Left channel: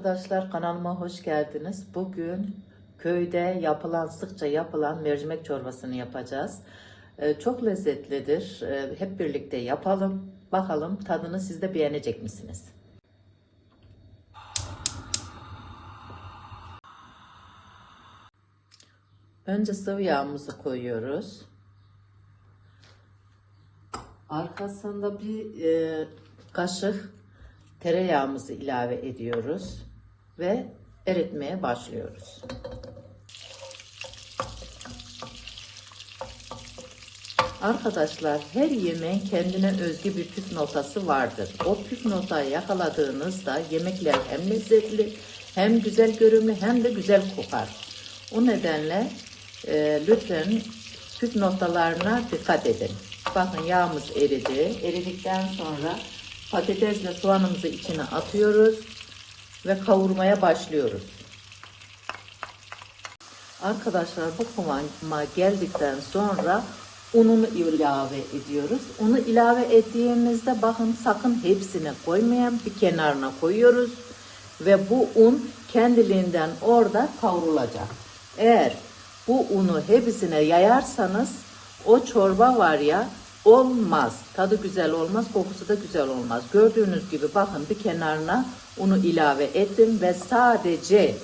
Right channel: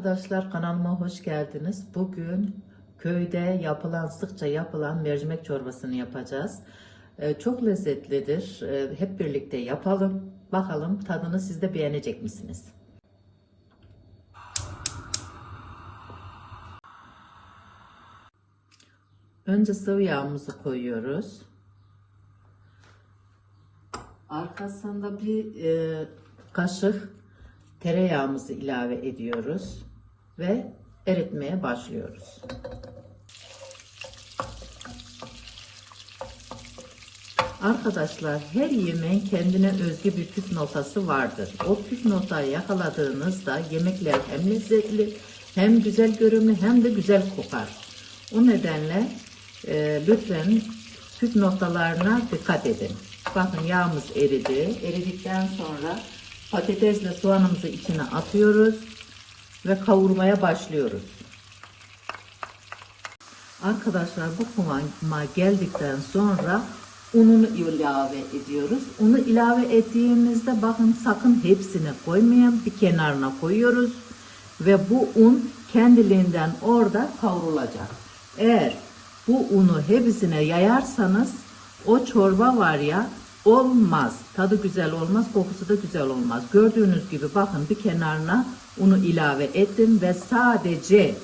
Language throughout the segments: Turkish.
Arkadaşlar kanalıma hoş geldiniz. Bugün köyde sıkça yapılan mercimek çorbasını yapacağız. Çok lezzetlidir. Hep birlikte yapalım. Bakalım tadını siz de beğenecek misiniz? Önce sıvı yağımızı koyuyoruz. Arkasında bir kaşık tereyağımızı ilave ediyoruz ve eritmeye başlıyoruz. Arkadaşlar her yemeğin kendine özgü bir püf noktası vardır. O püf noktayı yakaladığınızda yemekler hem lezzetli, hem güzel görünümlü, hem de güzel kokar. O nedenle lütfen püf noktalarına dikkat edin. Bakın yağımız eridi. Eridikten sonra patatesle soğanımızı içine atıyoruz ve kavurmaya başlıyoruz. Arkadaşlar bu kıvama geldikten sonra ununu ilave ediyoruz. Unu ilave ettiğimizde bakın sakın hepsini koymayın, bir kenarına koyuyoruz ve bu un kendiliğinden orada kavrulacak. Eğer bu unu hepsine yayarsanız o çorba var ya, olmaz. Tadı güzel olmaz, kokusu da güzel olmaz. Gördüğünüz gibi bakın bir kenarına unu ilave ettim ve sadece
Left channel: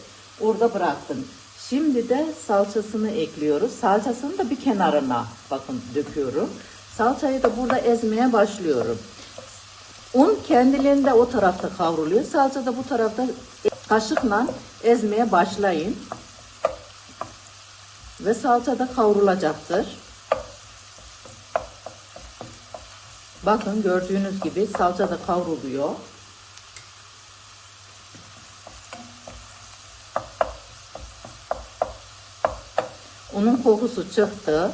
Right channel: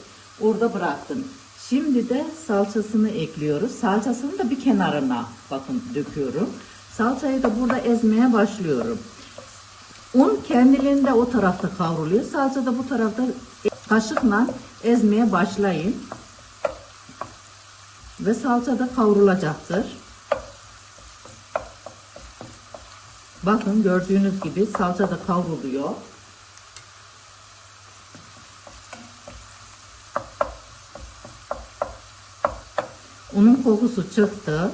orada bıraktım. Şimdi de salçasını ekliyoruz. Salçasını da bir kenarına bakın döküyorum. Salçayı da burada ezmeye başlıyorum. Un kendiliğinde o tarafta kavruluyor. Salça da bu tarafta. Kaşıkla ezmeye başlayın. Ve salça da kavrulacaktır. Bakın gördüğünüz gibi salça da kavruluyor. Unun kokusu çıktı.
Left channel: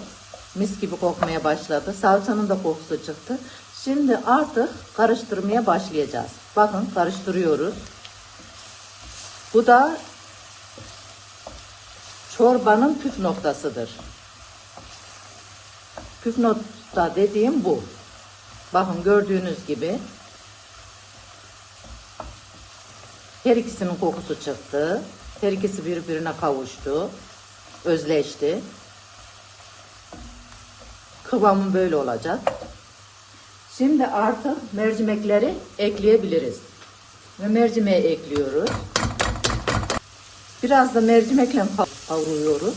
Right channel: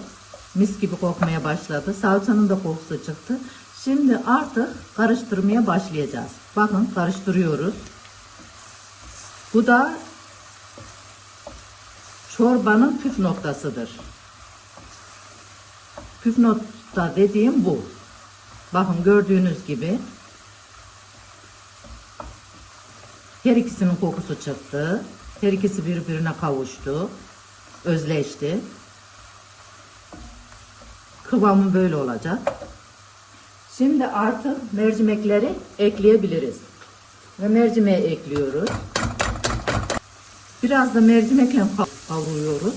Mis gibi kokmaya başladı. Salçanın da kokusu çıktı. Şimdi artık karıştırmaya başlayacağız. Bakın karıştırıyoruz. Bu da çorbanın püf noktasıdır. Püf nokta dediğim bu. Bakın gördüğünüz gibi her ikisinin kokusu çıktı. Her ikisi birbirine kavuştu. Özleşti. Kıvamı böyle olacak. Şimdi artık mercimekleri ekleyebiliriz. Ve mercimeği ekliyoruz. Biraz da mercimekle kavuruyoruz.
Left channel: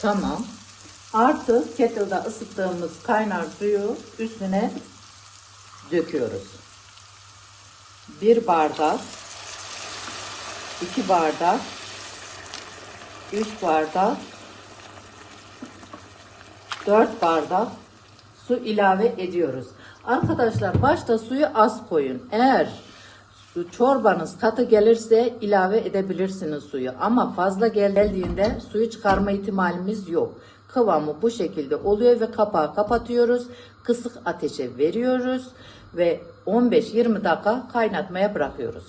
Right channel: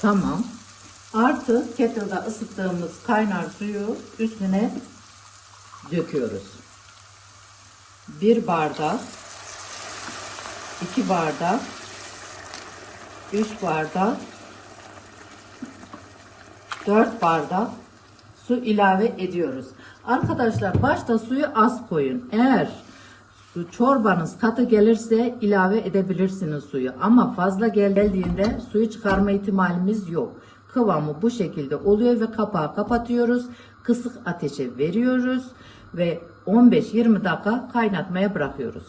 Tamam. Artık kettle'da ısıttığımız kaynar suyu üstüne döküyoruz. 1 bardak, 2 bardak, 3 bardak, 4 bardak su ilave ediyoruz. Arkadaşlar başta suyu az koyun. Eğer çorbanız katı gelirse ilave edebilirsiniz suyu. Ama fazla geldiğinde suyu çıkarma ihtimalimiz yok. Kıvamı bu şekilde oluyor ve kapağı kapatıyoruz. Kısık ateşe veriyoruz ve 15-20 dakika kaynatmaya bırakıyoruz.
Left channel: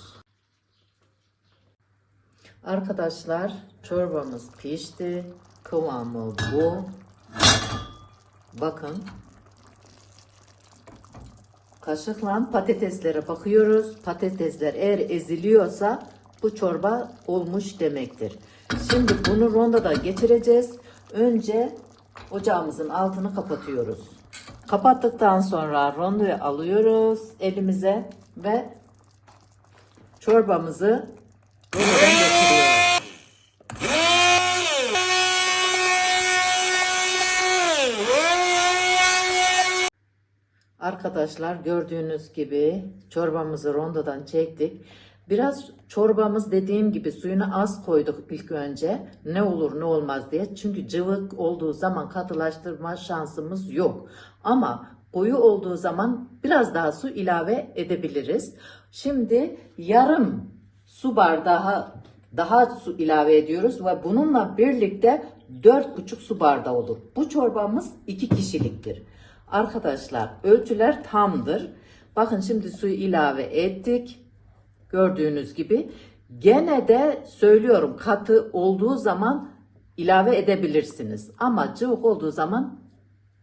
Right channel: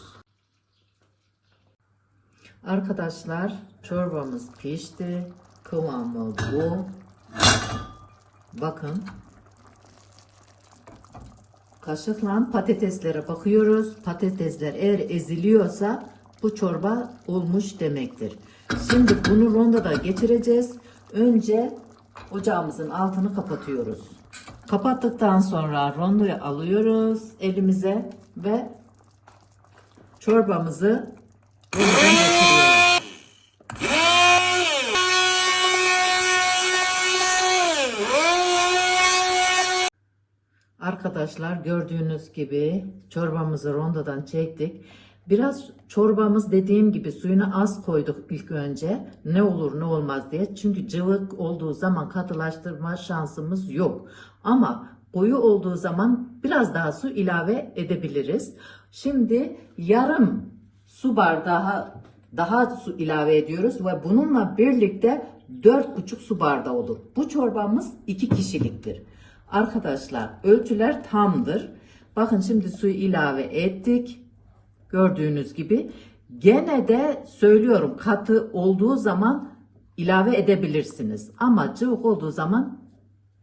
Arkadaşlar çorbamız pişti. Kıvamı bu. Bakın. Kaşıkla patateslere bakıyoruz. Patatesler eğer eziliyorsa bu çorba olmuş demektir. Şimdi bunu rondoda geçireceğiz. Önce ocağımızın altını kapatıyoruz. Kapattıktan sonra rondoyu alıyoruz elimize ve çorbamızı rondodan geçiriyoruz. Arkadaşlar gördüğünüz gibi çorbamızı rondodan çektik. Biraz çorbamız dediğim gibi suyunu az koyduk ilk önce. Ne olur ne olmaz diye. Çünkü cıvık olduğu zaman katılaştırma şansımız yok. Ama koyu olduğu zaman biraz daha su ilave edebiliriz. Şimdi yarım su bardağı daha su ilave ediyoruz ve bununla birlikte 4,5 su bardağı olur. Bu çorbamız 2 kişiliktir. Arkadaşlar ölçüler tamdır. Bakın şimdi suyu ilave ettik. Gördüğünüz gibi. Gene de söylüyorum katı olduğu zaman ilave edebilirsiniz. Ama cıvık olduğu zaman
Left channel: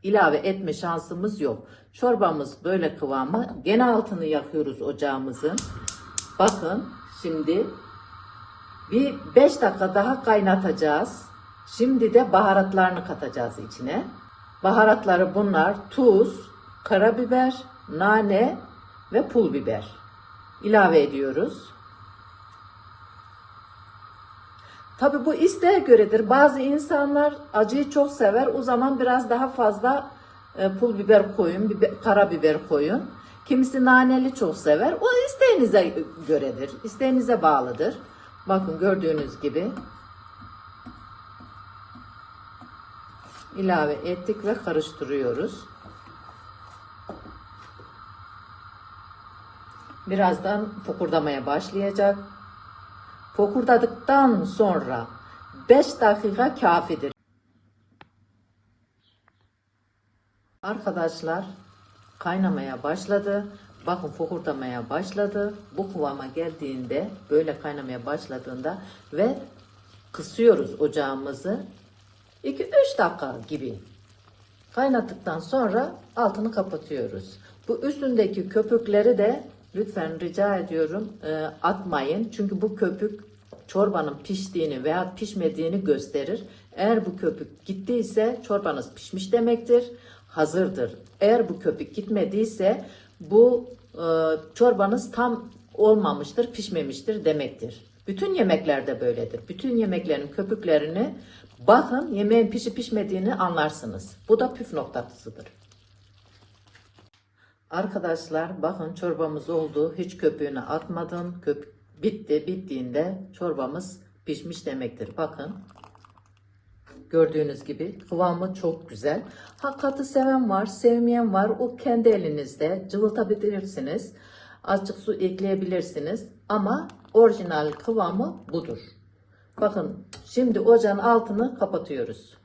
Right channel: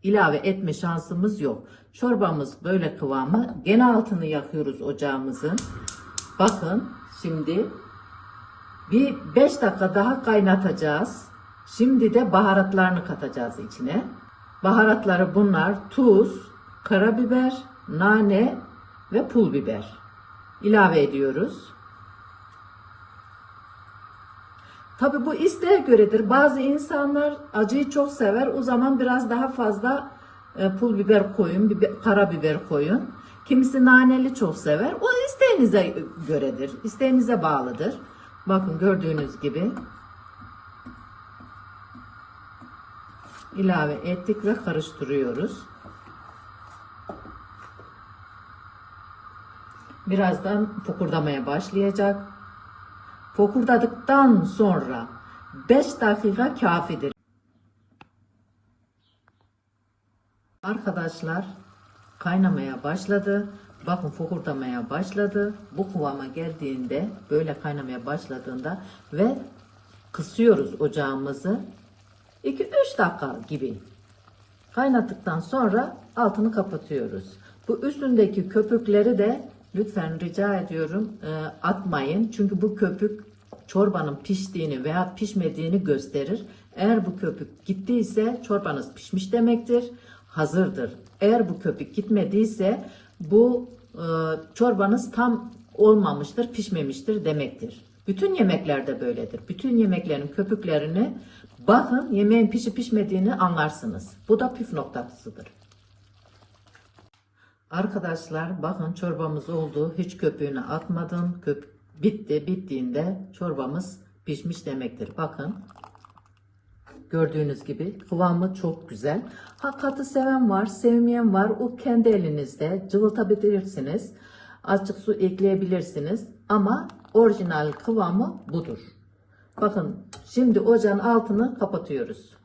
ilave etme şansımız yok. Çorbamız böyle kıvamı. Gene altını yakıyoruz ocağımızın. Bakın şimdi bir 5 dakika daha kaynatacağız. Şimdi de baharatlarını katacağız içine. Baharatları bunlar: tuz, karabiber, nane ve pul biber. İlave ediyoruz. Tabi bu isteğe göredir. Bazı insanlar acıyı çok sever. O zaman biraz daha fazla pul biber koyun, karabiber koyun. Kimisi naneli çok sever. O isteğinize göredir. İsteğinize bağlıdır. Bakın gördüğünüz gibi ilave ettik ve karıştırıyoruz. Birazdan fokurdamaya başlayacak. Fokurdadıktan sonra 5 dakika kafidir. Arkadaşlar kaynamaya başladı. Bakın fokurdamaya başladı. Bu kıvama geldiğinde, böyle kaynamaya başladığında ve kısıyoruz ocağımızı. 2-3 dakika gibi kaynattıktan sonra altını kapatıyoruz. Bu üstündeki köpükleri de lütfen rica ediyorum atmayın. Çünkü bu köpük çorbanın piştiğini veya pişmediğini gösterir. Eğer bu köpük gittiyse çorbanız pişmiş demektir, hazırdır. Eğer bu köpük gitmediyse bu çorbanız tam olmamıştır, pişmemiştir demektir. Bütün yemeklerde böyledir. Bütün yemeklerin köpüklerini bakın, yemeğin pişip pişmediğini anlarsınız. Bu da püf noktasıdır. Arkadaşlar bakın çorbamız oldu. Hiç köpüğünü atmadım. Bittiğinde çorbamız pişmiş demektir. Bakın. Gördüğünüz gibi kıvamı çok güzel. Katı seven var, sevmeyen var. O kendi elinizde cıvıltabilirsiniz. Azıcık su ekleyebilirsiniz. Ama orijinal kıvamı budur. Bakın şimdi ocağın altını kapatıyoruz.